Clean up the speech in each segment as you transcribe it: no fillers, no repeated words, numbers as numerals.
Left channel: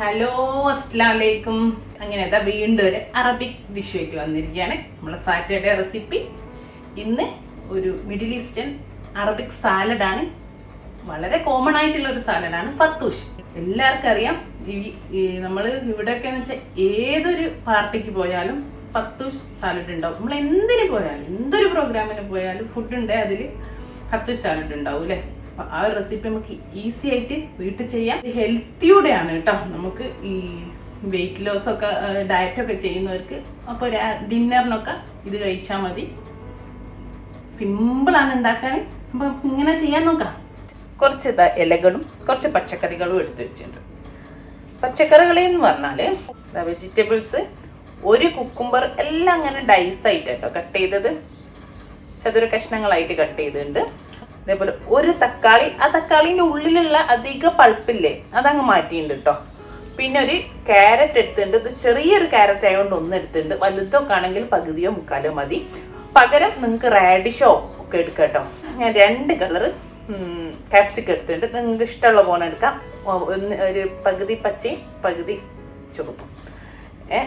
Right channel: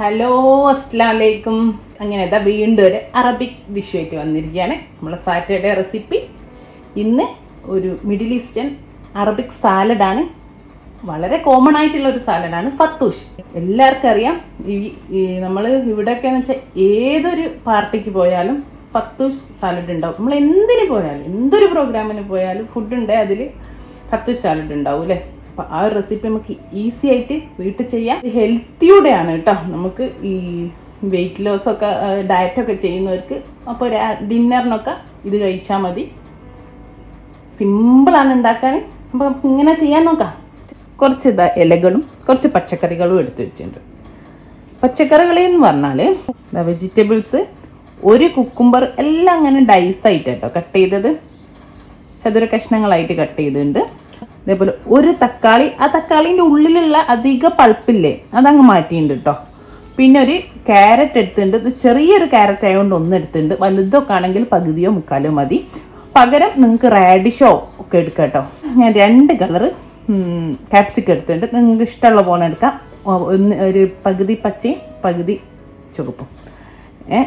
Hello അസ്സലാമലൈക്കും. അങ്ങനെ വീണ്ടും ഒരു അറബിക് ഡിഷ് ആയിട്ട് വന്നിരിക്കുകയാണ്. നമ്മുടെ സാറ്റർഡേ റെസിപ്പി ഇന്ന് ഒരു മിഡിൽ ഈസ്റ്റേൺ അറബിക് സാലഡാണ്. വളരെ കോമൺ ആയിട്ടുള്ള ഒരു സാലഡാണ് ഫത്തൂഷ്. എല്ലാവർക്കും അറിയാം. ഈ നമ്മൾ ഇവിടെയൊക്കെ എന്ന് വെച്ചാൽ ഏതൊരു പാർട്ടിക്ക് പോയാലും ഫത്തൂഷ് സാലഡ് ഉണ്ടാവും. നമ്മൾ എന്തിന് പോയാലും എന്തൊരു പ്രോഗ്രാമിന് പോയാലും ഫുഡ് ഉണ്ട്, അതിൽ ഫത്തൂഷ് സാലഡ് ഉണ്ടാവും അല്ലേ. അപ്പോൾ ആ ഒരു റെസിപ്പി നമുക്ക് ഈസി ആയിട്ട് വീട്ടിൽ ചെയ്യാം. ഹെൽത്തിയൂടെയാണ് കേട്ടോ. നമുക്ക് ഈ വെയിറ്റ് ലോസ് ഒക്കെ ഡയറ്റൊക്കെ ചെയ്യുന്നവർക്ക് അപ്പോൾ ഡിന്നറിനൊക്കെ ഇത് കഴിച്ചാൽ മതി. സിമ്പിളാണ് ഉണ്ടാക്കാൻ. അപ്പോൾ ഇങ്ങനെ ചെയ്യാൻ നോക്കാം. കുറച്ച് ഇലകളും കുറച്ച് പച്ചക്കറികളും എടുത്ത് വെച്ചിട്ടുണ്ട്. പച്ചക്കറികളെന്ന് പറഞ്ഞാൽ വെജിറ്റബിൾസ്, ഒരു കുക്കുംബർ എല്ലാം അങ്ങനെ ഡൈസായിട്ട് കേട്ടോ കട്ട് ചെയ്തത്, ചതുര കഷ്ണങ്ങളായിട്ട് കട്ട് ചെയ്തിട്ടുണ്ട്. അതേപോലെ ഒരു തക്കാളി, ആ തക്കാളിൻ്റെ ഉള്ളിലുള്ള അധിക പൾപ്പില്ലേ അതങ്ങ് മാറ്റിയിട്ടുണ്ട് കേട്ടോ. പിന്നെ ഒരു ക്യാരറ്റ് എടുത്തിട്ടുണ്ട്. ഇത് ചെറിയൊരു ക്യാരറ്റ് ആയതുകൊണ്ട് ഒന്ന് എടുത്തിട്ടുണ്ട്. വലുതൊക്കെ ആണെങ്കിൽ പകുതിയോ മുക്കാലോ മതി. പകരം നിങ്ങൾക്ക് റാഡിഷോ ഒക്കെ എടുക്കാം കേട്ടോ. ഞാൻ 2 കളറ് ക്യാപ്സിക്കം എടുത്തിട്ടുണ്ട്. നിങ്ങൾക്ക് ഇഷ്ടമുള്ള പോലെ എടുക്കാം. ഒരു പകുതി പച്ചയും പകുതി ചുവപ്പും.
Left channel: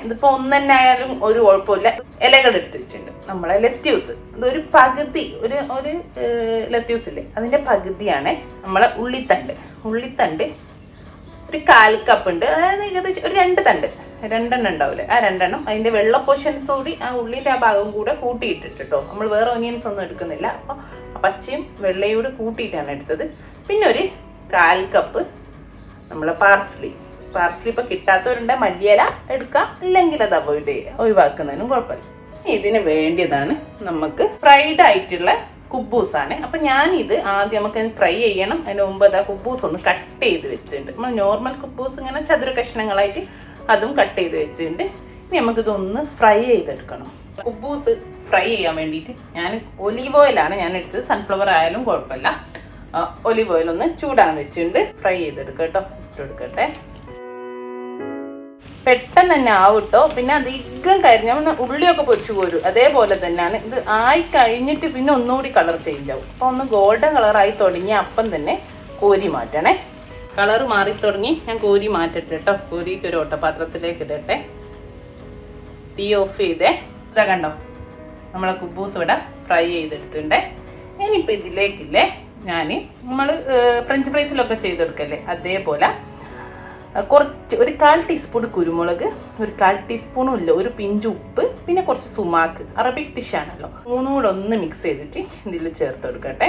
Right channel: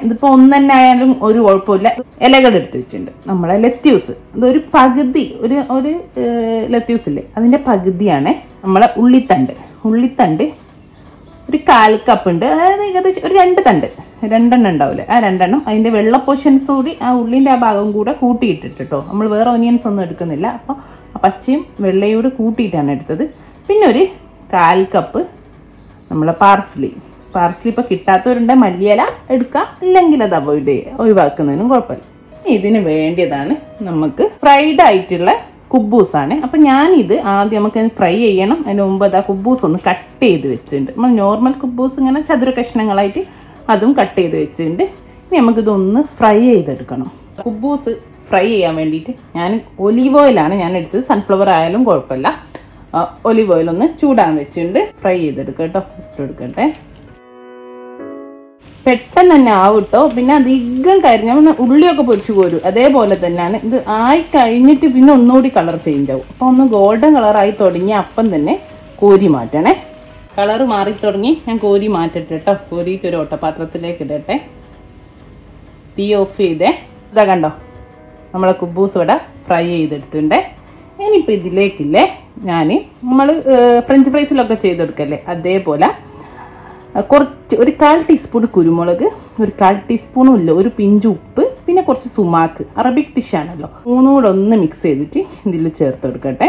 ഇതിപ്പോൾ ഒന്ന് തന്നെ ആയാലും ഒരു കുഴപ്പമില്ല. ഇലകൾ എടുത്ത് വെച്ചിട്ടുണ്ട്. നമ്മളെ ലെറ്റ്യൂസ്, ഇതൊരു പകുതി, ഒരു ലെറ്റ്യൂസ് ഇല്ലേ അതിൻ്റെ പകുതിയാണ്. നമ്മളെ ഉള്ളിത്തണ്ട് ഒരു 1/4 കപ്പ് ഉണ്ട്. അതായത് ഏകദേശം ഒരു 2 തണ്ട്, 2 ഉണ്ടാവില്ലേ, ആ 2 അതിൻ്റെ വെള്ള പോർഷൻസ് കൂടി ആ ഉള്ളിൻ്റെ ആ ഭാഗം കൂടെ കൂട്ടിയിട്ടിട്ട് കേട്ടോ. നമ്മൾ വേറെ ഓനിയൻസ് ഒന്നും എടുക്കുന്നില്ല. അപ്പോൾ പച്ചയും വെള്ളയും കൂടെ കൂട്ടിയിട്ടാണ് എടുത്തത്. പിന്നെ ഒരു 1/4 കപ്പ് നമ്മളെ പാർസ്ലി ഇപ്പോൾ കിട്ടാത്തവരുണ്ട്, മല്ലിയില എടുക്കാം, ഇല്ലെങ്കിൽ അത് ഒഴിവാക്കുന്നതിനും കുഴപ്പമില്ല. ഇതിന് വേണ്ടിയതാണ് നമുക്ക് ഫ്രൈഡ് ആയിട്ടുള്ള കുബൂസാണ്. അപ്പം ഞാനിത് ആദ്യം നമുക്ക് ഫ്രൈ ചെയ്യണം. അതിന് മുമ്പ് അത് ആ കുബൂസ് ഒന്ന് കട്ട് ചെയ്ത് വെച്ചിട്ടുണ്ട്. നമ്മൾ നോർമൽ കുബൂസ് ഇങ്ങനെ ചതുര കഷ്ണങ്ങളായിട്ട് അതും കട്ട് ചെയ്ത് വെച്ചിട്ടുണ്ട്. ഇനി നമുക്കിതൊന്ന് ഫ്രൈ ചെയ്തെടുക്കണം. കുബൂസ് ഫ്രൈ ചെയ്യാൻ വേണ്ടിയിട്ട് ഞാൻ ഒലീവ് ഓയിലാണ് ഞാൻ എടുത്തത്. സൺഫ്ലവർ ആയാലും കുഴപ്പമില്ല. ഒലീവ് ഓയിൽ ഒന്ന് ചൂടാൻ വെച്ചിട്ടുണ്ട്. ഫ്രൈ ചെയ്തെടുക്കാം കേട്ടോ. ഇട്ടെടുക്കട്ടെ. പെട്ടെന്ന് തന്നെ ആവട്ടോ. പിന്നെ അധികം കരിഞ്ഞ ഉള്ളിയൊക്കെ പൊരിച്ചു പോരും. അതേപോലെ തന്നെയാണ് ഇത് ആയി കഴിഞ്ഞിട്ട് പിന്നെ ഒന്നുകൂടി കളർ ചേഞ്ച് ആവും. അപ്പോൾ ഒന്ന് ഗോൾഡൻ കളറായി തുടങ്ങി അപ്പം തന്നെ കോരി മാറ്റണേ. കളറ് മാറി തുടങ്ങി. ഞാൻ കോരി മാറ്റട്ടെ കേട്ടോ. കോരിയിട്ട് ഒരു ഓട്ടപാത്രത്തിലേക്ക് ഇടട്ടെ. തീ ഓഫ് ചെയ്തേ. ഇതാ കണ്ടോ, നമ്മളെ കുബൂസ് ഇവിടെ ഫ്രൈ ചെയ്തെടുത്തിട്ടുണ്ട്. ഇനിയിപ്പോൾ ഇതിലേക്കില്ലേ നമ്മൾ ഫ്രഞ്ച് ഫ്രൈസിലൊക്കെ ചെയ്തെടുക്കല്ലേ അതേപോലെ കുറച്ച് ഒരു 1/4 ടീസ്പൂൺ കുരുമുളക്, ഒരു 1/4 ടീസ്പൂണും ഇല്ല, ഒരു പിഞ്ച് ഉപ്പ്, പിന്നെ കുറച്ച് സുമാക്ക്. അറബിക് ഡിഷാണല്ലോ. മൂന്നും കൂടെ ഒന്ന് മിക്സ് ചെയ്തിട്ട് ഇതിൽ ചേർത്ത് കൊടുക്കട്ടെ.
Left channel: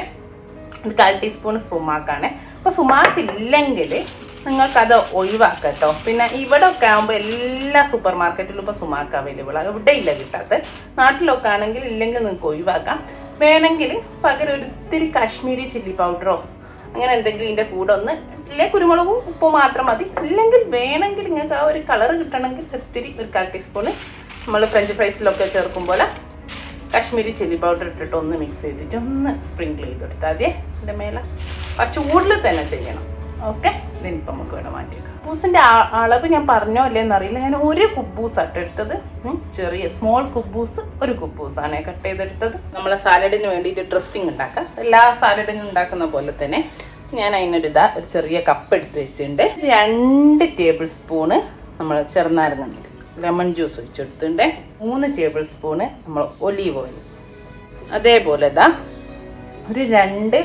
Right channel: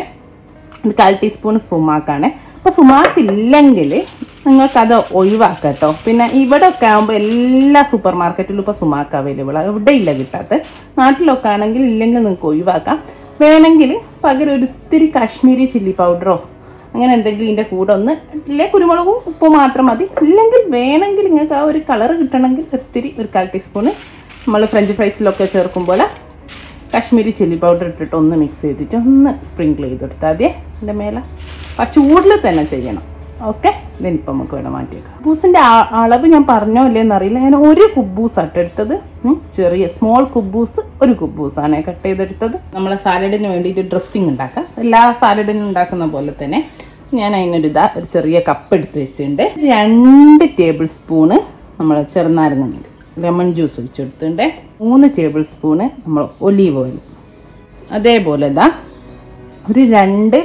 ഒരു 1/4 ടീസ്പൂൺ സുമാക്കാണ്. അപ്പോൾ സുമാക്ക് ഇല്ലെങ്കിൽ നിങ്ങൾക്കത് ഒഴിവാക്കാം കേട്ടോ. പിന്നെ ഇവിടെ ഒക്കെ ആകുമ്പോൾ എല്ലാ സൂപ്പർ മാർക്കറ്റിലും ഇപ്പോൾ സുമാക്ക് അവൈലബിൾ ആണ്. ഇവിടെ ഇല്ല കിട്ടാത്ത. നാട്ടിലൊക്കെ ആണെങ്കിൽ ഇല്ലെങ്കിൽ നിങ്ങൾക്ക് ഒഴിവാക്കാം. വേണമെങ്കിൽ പകരം ഒരു ഇത്തിരി കാശ്മീരി ചില്ലി പൗഡറോ അങ്ങനെ എന്തെങ്കിലും ഇതിൻ്റെ കൂടെ ഒന്ന് ഇല്ലേ, കുരുമുളകും ഉപ്പും മാത്രം മതി. ഇല്ലെങ്കിൽ വേണമെങ്കിൽ നിങ്ങൾക്ക് ആ ഒരു കളർ കിട്ടണമെങ്കിൽ ഒത്തിരി ഒരു 1/4 ടീസ്പൂണ് നമ്മൾ ഫ്രഞ്ച് ഫ്രൈസിലൊക്കെ ചേർക്കുമ്പോൾ കാശ്മീരി ചില്ലി പൗഡർ ഇട്ടിട്ട് ഒന്ന് മിക്സ് ചെയ്തിട്ട് ഒന്ന് സ്പ്രിങ്കിൾ ചെയ്തെടുത്താൽ മതി. അതിൻ്റെ മേലെ ആ ചൂടിൽ തന്നെ ചെയ്യണം. ഓക്കെ, ഇതിനിപ്പോൾ നമുക്ക് ഇവിടെ മാറ്റിയേക്കാം. കുബൂസിൻ്റെ അളവ് ഞാൻ പറഞ്ഞോ ഇല്ലേന്ന് അറിയില്ല. ഞാൻ ഒരു കുബൂസാണ് എടുത്തത്. ചെറിയ സ്മോൾ കുബൂസ്, ഒരു കുബൂസാണ് കട്ട് ചെയ്തെടുത്തത്. നമ്മളെ സാലഡിന് വേണ്ടിയിട്ട് ഡ്രസ്സിങ് ഉണ്ടാക്കാം. എല്ലാ സാലഡിനും ഉണ്ടാക്കുന്ന പോലെ തന്നെ ഞാൻ അതിനൊരു ചെറിയ കപ്പ് എടുത്ത് വെച്ചിട്ടുണ്ട്. 2 ടേബിൾ സ്പൂണ് നമ്മൾ ചെറുനാരങ്ങ ലെമൺ ജ്യൂസ് ഒഴിച്ചെടുത്തിട്ടുണ്ട്. 3 ടേബിൾ സ്പൂണ് നമ്മൾ ഒലീവ് ഓയിൽ. അതേപോലെ ഒരു 2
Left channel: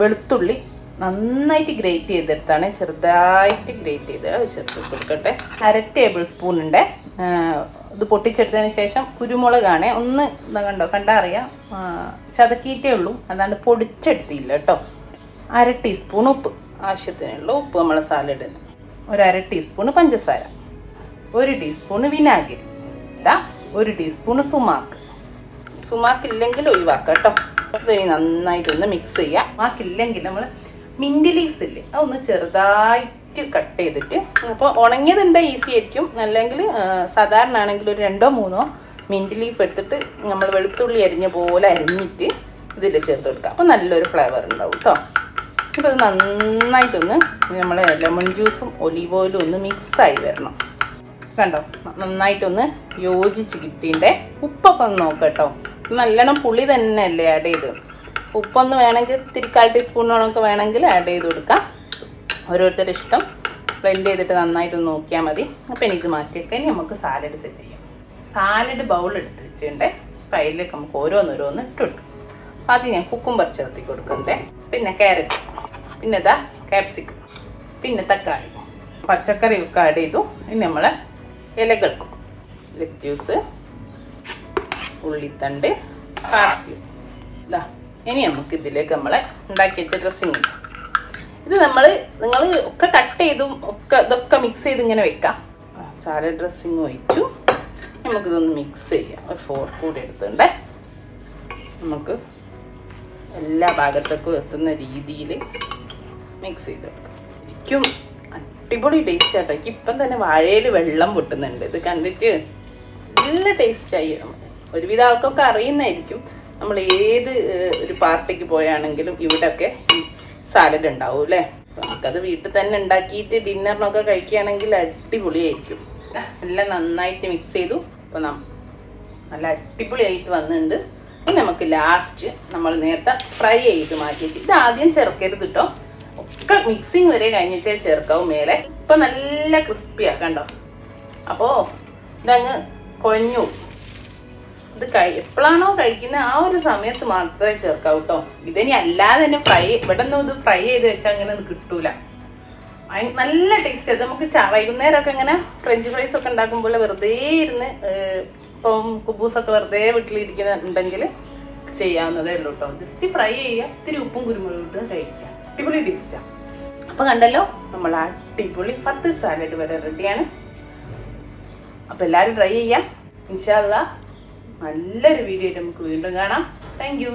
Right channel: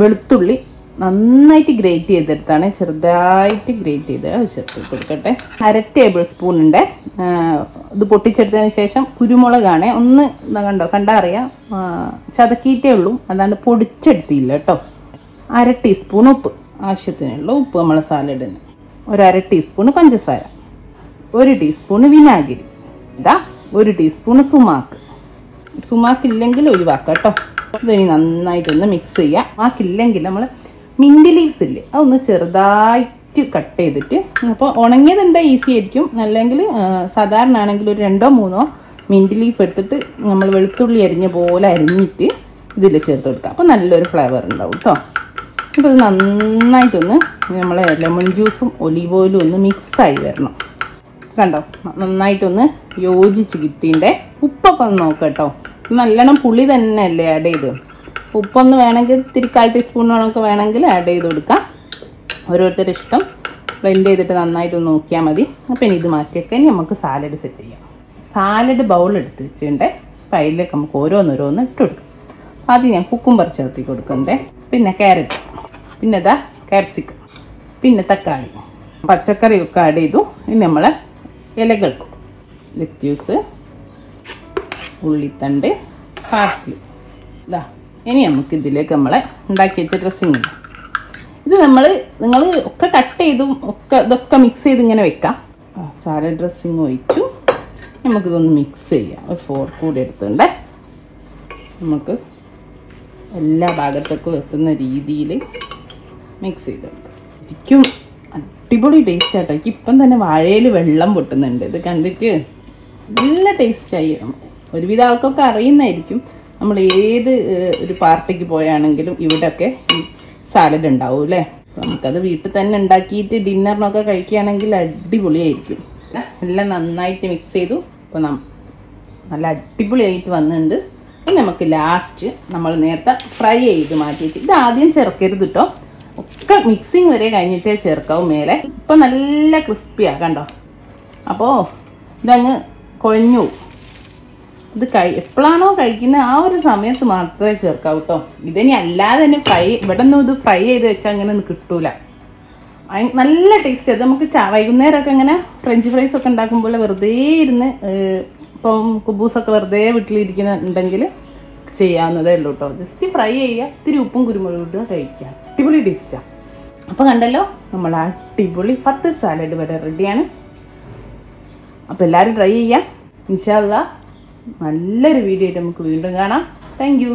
വെളുത്തുള്ളി നന്നായിട്ട് ഗ്രേറ്റ് ചെയ്തെടുത്താണ്, ചെറുതായിട്ട് ഗ്രേറ്റ് ചെയ്ത് ചേർത്ത് കൊടുക്കട്ടെ. 1/2 ടേബിൾ സ്പൂൺ ഉണ്ട്. ഇത് പൊട്ടിച്ചെടുത്തതിന് ശേഷം കുരുമുളകാണ്. ഒന്ന് കണ്ടാ അറിയാം, ചതക്കിയിട്ടേ ഉള്ളൂ, അതാണ്ട് പൊടിച്ചെടുത്തില്ല കേട്ടോ. 1/2 ടീസ്പൂൺ ഉപ്പ്, ആവശ്യത്തിനുള്ള ഉപ്പ് നമ്മളെ സാലഡിന്. ഒരു 1/2 ടീസ്പൂൺ പഞ്ചസാര, 1 ടീസ്പൂൺ വിനാഗിരി, 1 ടീസ്പൂൺ സുമാക്ക് ഇല്ലെങ്കിൽ ഒഴിവാക്കാം കേട്ടോ. ഇതിനി നന്നായിട്ടൊന്ന് മിക്സ് ചെയ്യാം. സുമാക്കില്ലെങ്കിൽ നമ്മൾ മിൻറ്റ് ലീവ്സ് ഇല്ലേ അതൊന്ന് ചെറുതായിട്ട് കട്ട് ചെയ്തിട്ട്, അപ്പോൾ ഉണങ്ങിയതുണ്ട് ഈസി ആയിരിക്കും. അല്ലെങ്കിൽ സാധാരണ ആണെങ്കിൽ ഒരു 2-3 മിൻറ്റ് ലീഫ് എടുത്തിട്ട് നമ്മൾ വെളുത്തുള്ളി അരിഞ്ഞ പോലെ അരിഞ്ഞിട്ട് ഇതിൽ ചേർത്ത് കൊടുക്കാം. അപ്പോൾ നല്ലൊരു ഫ്ലേവർ ഉണ്ടാവും കേട്ടോ. ഇത് നന്നായിട്ടൊന്ന് നമ്മളെ ലെമൺ ജ്യൂസും ഒലീവ് ഓയിലും ഒന്ന് മിക്സായി വരണം. കണ്ടോ, നന്നായിട്ടൊന്ന് യോജിച്ച് കിട്ടിയിട്ടുണ്ട്. ഉപ്പൊക്കെ ഒന്ന് നോക്കാം കേട്ടോ. നല്ലോണം പുളി തന്നെയല്ലേ ആഡ് ചെയ്ത്. ഉപ്പൊന്ന് വേണമെങ്കിൽ 1/4 ടീസ്പൂണോളൊക്കെ വേണമെങ്കിൽ ആഡ് ചെയ്ത് കൊടുക്കാം. ഓരോരുത്തരുടെ ഇഷ്ടം. ബ്ലെൻഡ് ചെയ്തിട്ട് നന്നായിട്ട് നോക്കിയാൽ മതി. അപ്പം ഇനി ഇത് മാറ്റിയൊക്കെ ഇനി നമുക്ക് സാലഡ് സെറ്റ് ചെയ്യാം. സാലഡ് ബൗൾ എടുത്ത് വെച്ചിട്ടുണ്ട്. അപ്പം അതിലേക്ക് നമുക്ക് ഓരോന്നോരോന്ന് ഇട്ട് കൊടുക്കും. ആദ്യം ഞാൻ കുക്കുംബർ ചേർത്തി കൊടുക്കുന്നത്, പിന്നെ ക്യാരറ്റ്, പിന്നെ ഇതാ ക്യാപ്സിക്കം, പിന്നെ തക്കാളി, പച്ചക്കറിയൊക്കെ ആഡ് ചെയ്തു. ഇനി നമ്മളെ ഇലകൾ ലെറ്റ്യൂസ്, ഉള്ളിത്തണ്ട്, പാർസ്ലി. ഇതാ ഇനി നമുക്ക് ഇതിലേക്ക് നമ്മളെ ഉണ്ടാക്കി വെച്ച ഡ്രസ്സിങ് ഇത് നിങ്ങൾ ഒക്കെ കട്ട് ചെയ്തും ഇതൊക്കെ മിക്സ് ചെയ്ത് ഇങ്ങനെ വെക്കാം. സാലഡ് ഡ്രസ്സിങ് ഒഴിച്ചു. നമുക്കിതൊന്ന് മിക്സ് ചെയ്യാം. ഒരു ഫോർക്ക് കൂടി എടുത്തുകൊണ്ട് നമുക്ക് എല്ലാ ഭാഗത്തൊക്കെ എത്തുന്ന രീതിയിൽ മിക്സ് ചെയ്തെടുക്കാം. ശരിക്കും അടിപൊളി ടേസ്റ്റ് ആട്ടോ. എനിക്ക് ഇപ്പം തന്നെ വാഴയിൽ വെള്ളം പൊട്ടുന്നുണ്ട്. ഇത് കണ്ടിട്ട് നല്ല ടേസ്റ്റായി. ഒരുവിധ ആൾക്കൊക്കെ അറിയുന്നതായിരിക്കും. നമ്മൾ ഏത് ഒരു പാർട്ടിക്ക് പോയാണെങ്കിലും ഇവിടെയൊക്കെ ഈ സാലഡ് ഉണ്ടാവും അല്ലേ. നമുക്കത് വീട്ടിൽ തന്നെ ഉണ്ടാക്കിയിട്ട് ഡിന്നറിനൊക്കെ കഴിക്കുകയാണെങ്കിൽ അടിപൊളിയായിരിക്കും. എല്ലാം നന്നായിട്ട് മിക്സ് ചെയ്തു. അപ്പോൾ നല്ല അടിപൊളിയായിട്ട് വന്നിട്ടുണ്ട്. ഇനി നമുക്ക് ലാസ്റ്റ് നമ്മൾ നേരത്തെ ഫ്രൈ ചെയ്ത് മാറ്റിയിട്ട് ഇത് ആദ്യം ചേർക്കരുത് കേട്ടോ. ഒക്കെ മിക്സിങ് വരെ കഴിഞ്ഞിട്ടേ ചേർക്കാവും മേലെ. ഇപ്പം നല്ല ക്രിസ്പിയാണ് കണ്ടോ. അപ്പോൾ ഇതങ്ങ് കുഴഞ്ഞു. ഇത് എപ്പോഴാണോ കഴിക്കുന്നത് ആ ഒരു സമയത്ത് മാത്രമേ ചേർക്കാവൂ കേട്ടോ. ഇതിനി അല്ലാതെ തന്നെ ഇവിടെ നിന്നും ഇത് ഫ്രൈ ചെയ്ത് വെച്ചാൽ അങ്ങനെ ഒന്നും കിട്ടൂല. നല്ല ടേസ്റ്റ്. അത് നമുക്ക് വൈകുന്നേരമൊക്കെ ഇങ്ങനെ ഫ്രഞ്ച് ഫ്രൈസ് ഒക്കെ ഉണ്ടാക്കുമ്പോൾ വെറുതെ ഇരുന്ന് ഇപ്പം കുബൂസൊക്കെ വെറുതെ വീട്ടിലിരിക്കുന്നുണ്ടെങ്കിൽ ചെയ്യാവുന്നതേ ഉള്ളൂ കേട്ടോ. ജസ്റ്റ് ഫ്രൈ ചെയ്യുക, ഇത്തിരി ഉപ്പും കുരുമുളകും ഇട്ട് കഴിക്കുക. അടിപൊളി ടേസ്റ്റാണ്. അപ്പോൾ കണ്ടല്ലോ, നമ്മുടെ അടിപൊളി ഫത്തൂഷ് സാലഡ് വരെ റെഡിയാണ്. അപ്പോൾ എല്ലാവരും ട്രൈ ചെയ്യാം. ഇൻഷാ അല്ലാഹ് നല്ലൊരു വീഡിയോ ആയിട്ട് നമുക്ക് വീണ്ടും കാണാം. Thank you.